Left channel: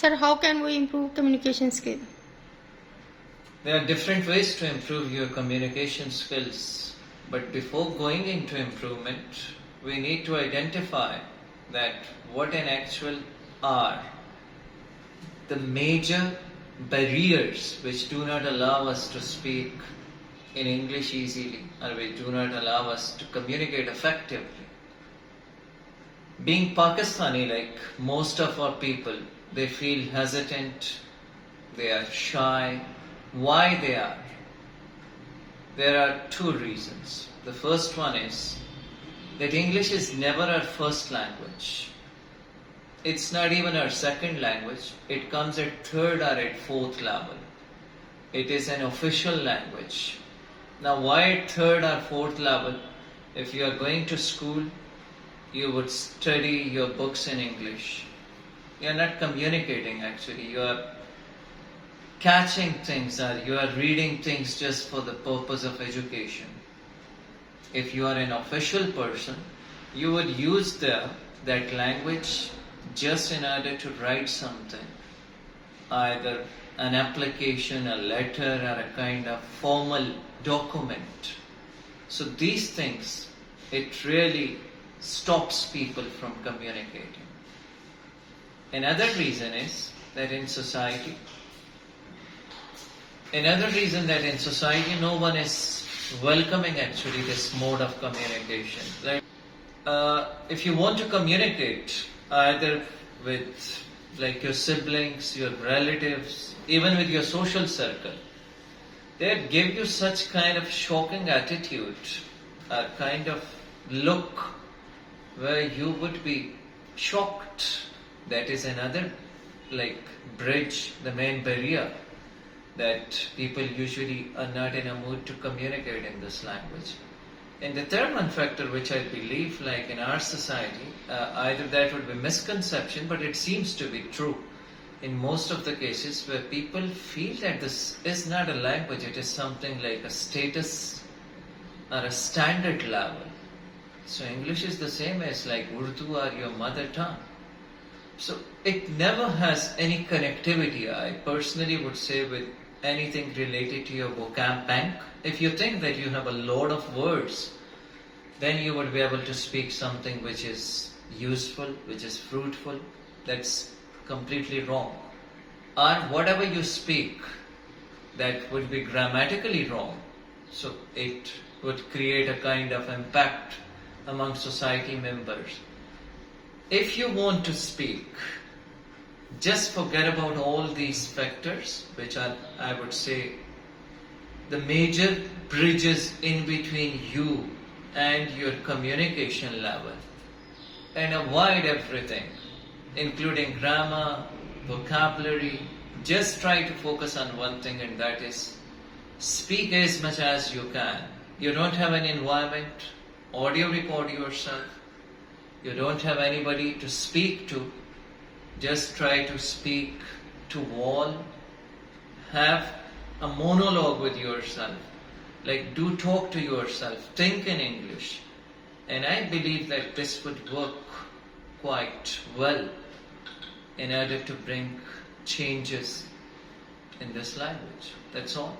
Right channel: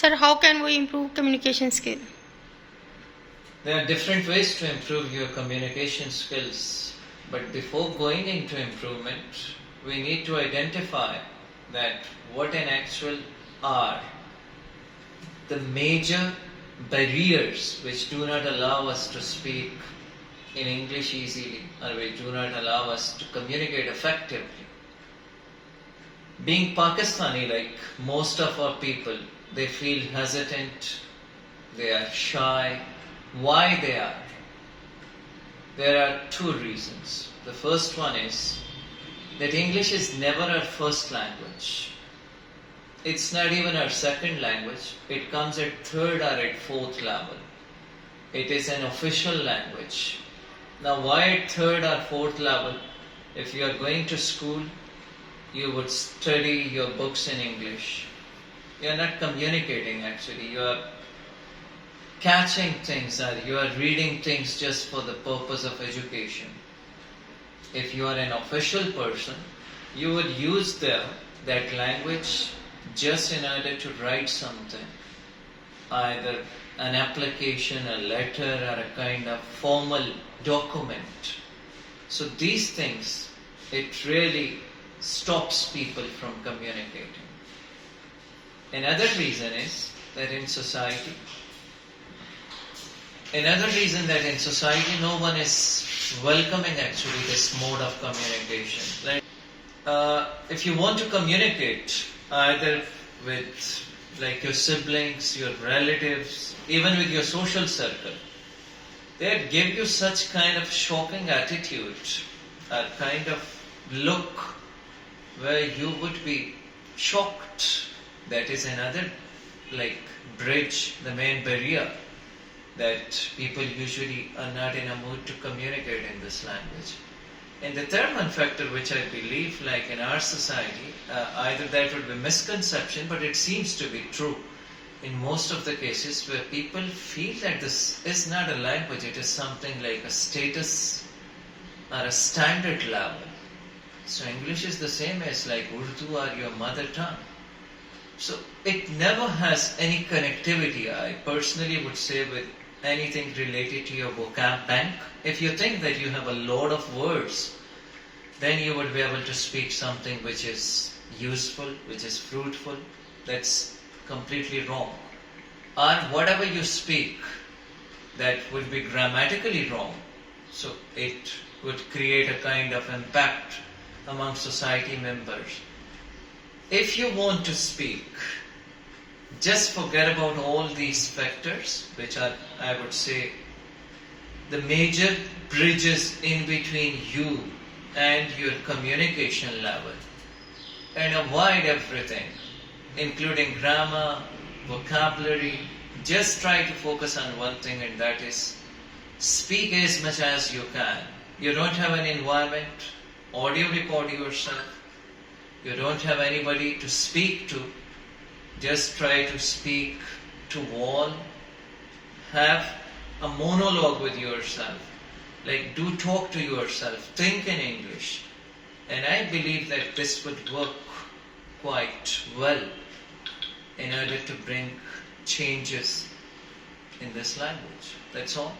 Sir, how can we improve communication skill? There are different ways to improve your communication skills, but before going into improvement, we need to identify that what in actual are the major barriers which do not allow us to speak in English easily, or which do not allow us to communicate effectively. Being Pakistani, like most of our people, they feel hesitant, they are shy. Why they are? There are two reasons. The first one is that English is never our first language. It's not even our second language. It comes at third or at fourth level. It is an official language. Now, why at third or fourth level? If you are going to school, you would study your books in English. You are not communicating actually. You are catching things, or you are reading things just for the purpose of education. If you are an official person, you would use that language just in order to write something, either an application, a letter, or a kind of formal document. So these things, it really stops people from communicating. Another reason that in society no one is welcoming actually this mode of communication. Right? If you want to communicate either with like your siblings, your relatives, even with your social circle, they give you such kind of shocking attitude, a kind of look where you would be shocked. That is another like bridge, the main barrier, that people usually are not in a mood to communicate in this language. And the third one factor, which I believe like in our society, either that would be misconception, but it seems to be true in most of the cases, where people feel that this is not a language, it is something like a status or a standard level. So English is the same as like Urdu or your mother tongue. So it never has any connectivity, I personally would say, with anything related to your vocab bank. If you think that you have a lot of words, then you would be able to speak something which is useful, which is fruitful. That's completely wrong. Or whatever you speak, that would be grammatically wrong. So it would create a kind of impact among society members. If you want to speak, just forget about all these factors, which are, I would say, the major bridges in between you and your communication level, and avoid everything, including grammar, vocabulary. Just try to focus on one thing, and that is speak as much as you can. You don't have an environment, audio record yourself. You don't have anybody to speak to. Just try to speak to wall. Have a monologue with yourself. Like, do talk to yourself. Think in English. And I believe that this would work quite well in order to bring changes in this language. That's all.